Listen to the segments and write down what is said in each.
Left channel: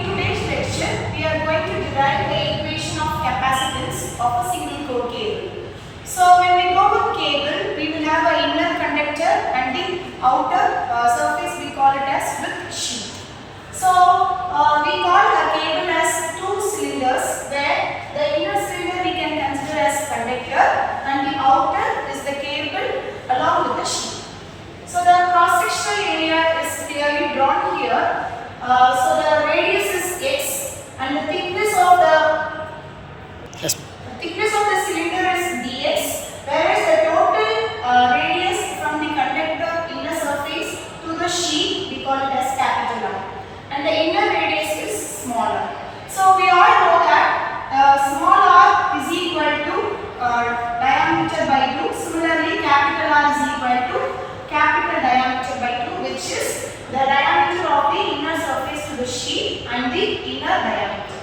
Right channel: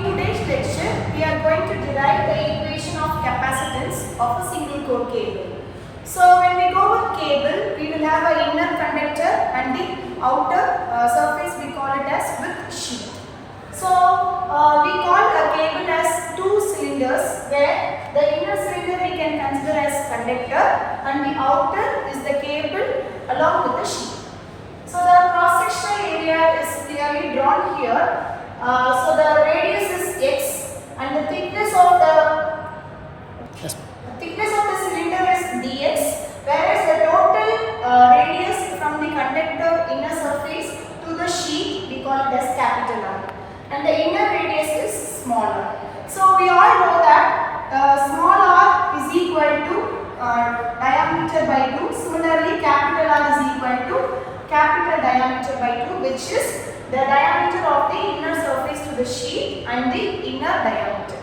In today's lecture, we are going to derive the equation of capacitance of a single core cable. So when we go with cable, we will have an inner conductor and the outer surface we call it as with sheath. So we call a cable as two cylinders, where the inner cylinder we can consider as conductor and the outer is the cable along with the sheath. So the cross-sectional area is clearly drawn here. So the radius is x and the thickness of the cylinder is dx, whereas the total radius from the conductor inner surface to the sheath we call it as capital R, and the inner radius is smaller. So we all know that small r is equal to diameter by 2. Similarly, capital R is equal to capital diameter by 2, which is the diameter of the inner surface to the sheath and the inner diameter.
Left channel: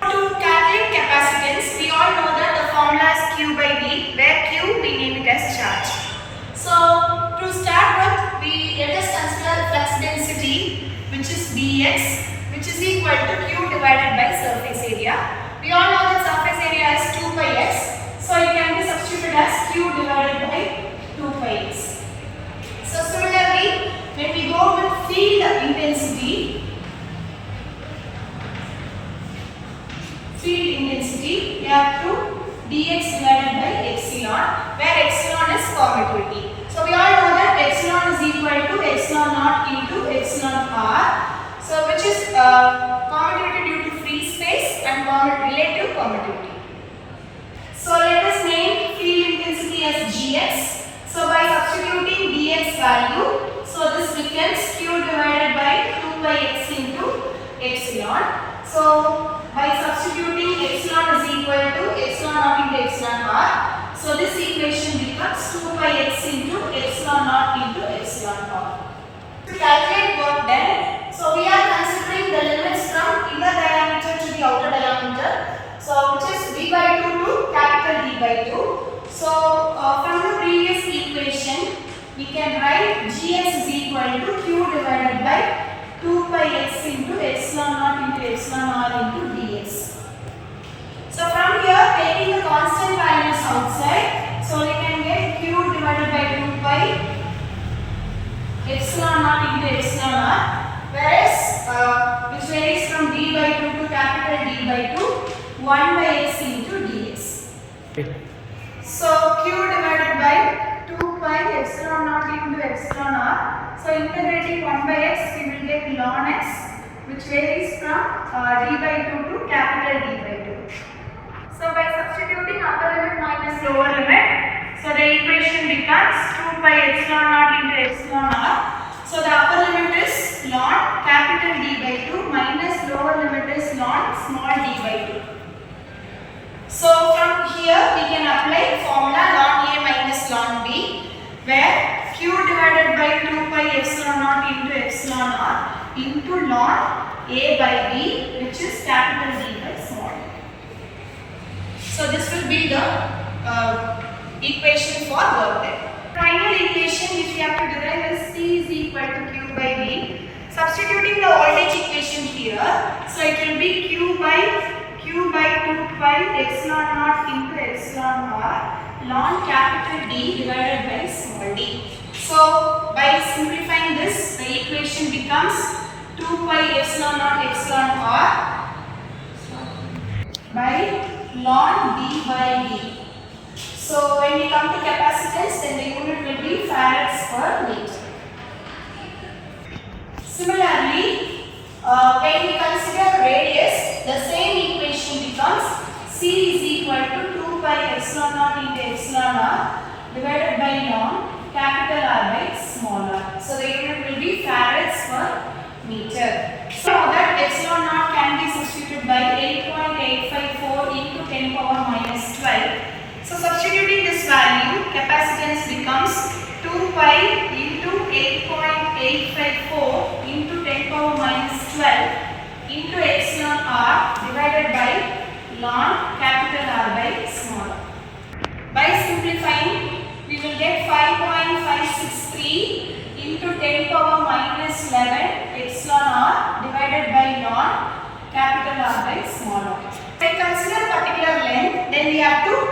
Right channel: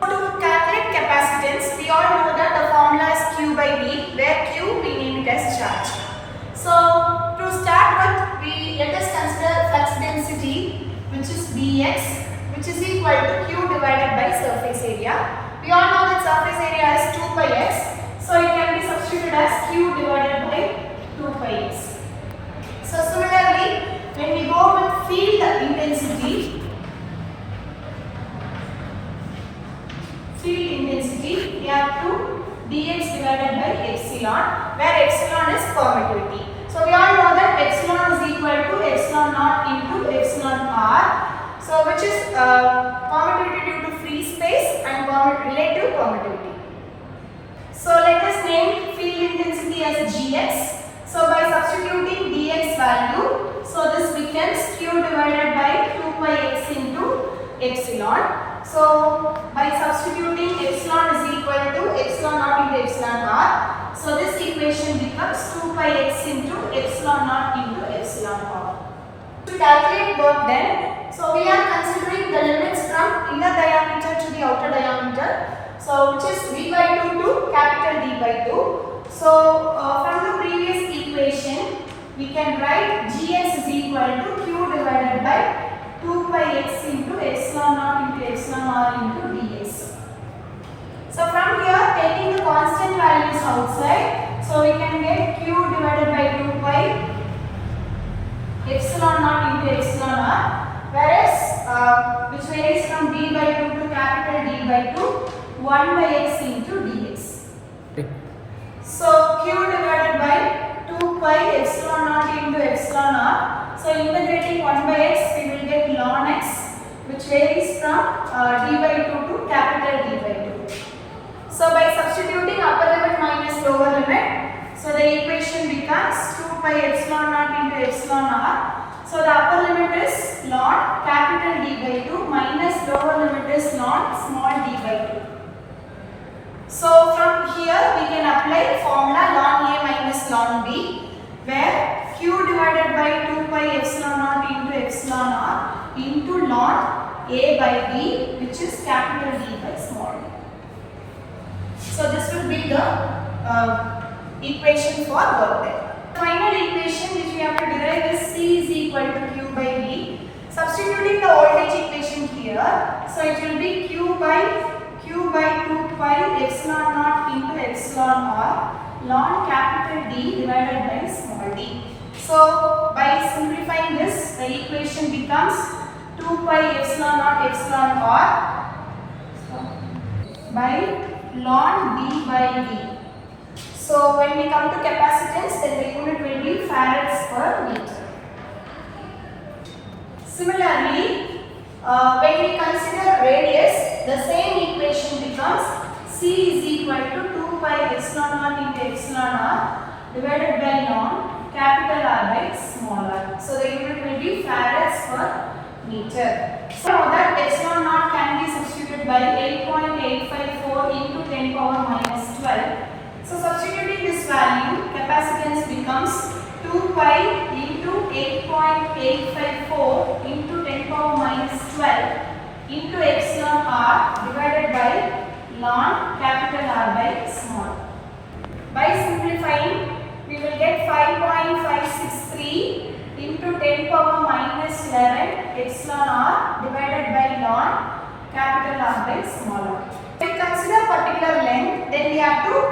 To calculate capacitance, we all know that the formula is Q by V, where Q we name it as charge. So to start with, let us consider flux density, which is Vx, which is equal to Q divided by surface area. We all know that surface area is 2 pi x, so it can be substituted as Q divided by 2 pi x. So similarly, when we go with field intensity, we have to dx divided by epsilon, where epsilon is permittivity. So we all know that epsilon is equal to epsilon naught into epsilon r, so which is permittivity due to free space and relative permittivity. So let us name field intensity as Gx. So by substituting dx value, so this becomes Q divided by 2 pi x into epsilon. So by substituting epsilon is equal to epsilon naught into epsilon r. So this equation becomes 2 pi x into epsilon naught into epsilon r. To calculate work done, so we are considering the limits from inner diameter to the outer diameter. So which is d by 2 to capital D by 2. So from the previous equation, we can write Gx is equal to Q divided by 2 pi x into epsilon naught into epsilon r into dx. So from here, taking the constant values outside, so we can get Q divided by 2 pi epsilon naught into epsilon r, whereas which varies from d by 2 to capital D by 2, 1 by x into dx. So Q divided by 2 pi epsilon naught into epsilon r. So integrating 1 by x, we will get ln x, which varies from d by 2 to capital D by 2. So by substituting upper limit minus lower limit, so the equation becomes 2 pi epsilon naught into epsilon r. So the upper limit is ln capital D by 2 minus lower limit is ln small d by 2. So from here we can apply formula ln A minus ln B, where Q divided by 2 pi epsilon naught into epsilon r into ln A by B, which is capital D by small d. So this will be the equation for work done. Final equation which we have to derive is C is equal to Q by V. Substituting the voltage equation here, so it will be Q by 2 pi epsilon naught into epsilon r ln capital D divided by small d. So by simplifying this, the equation becomes 2 pi epsilon naught epsilon r by ln D by D. So when we come to capacitance, then the unit will be farads per meter. Similarly, when we consider radius, the same equation becomes C is equal to 2 pi epsilon naught into epsilon r divided by ln capital R by small r. So the unit will be farads per meter. So that epsilon naught can be substituted by 8.854 into 10 power minus 12. So substituting this value, capacitance becomes 2 pi into 8.854 into 10 power minus 12 into epsilon r divided by ln capital R by small. By simplifying, we will get 5.563 into 10 power minus 11 epsilon r divided by ln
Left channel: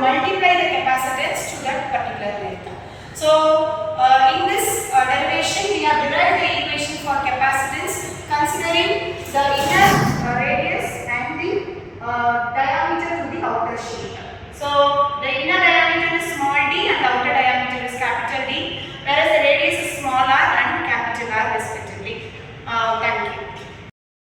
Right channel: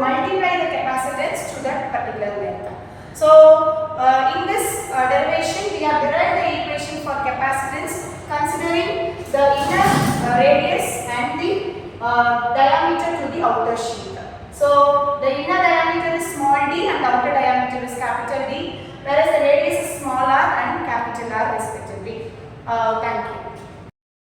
multiply the capacitance to that particular length. So in this derivation we have derived the equation for capacitance considering the inner radius and the diameter to the outer sheath. So the inner diameter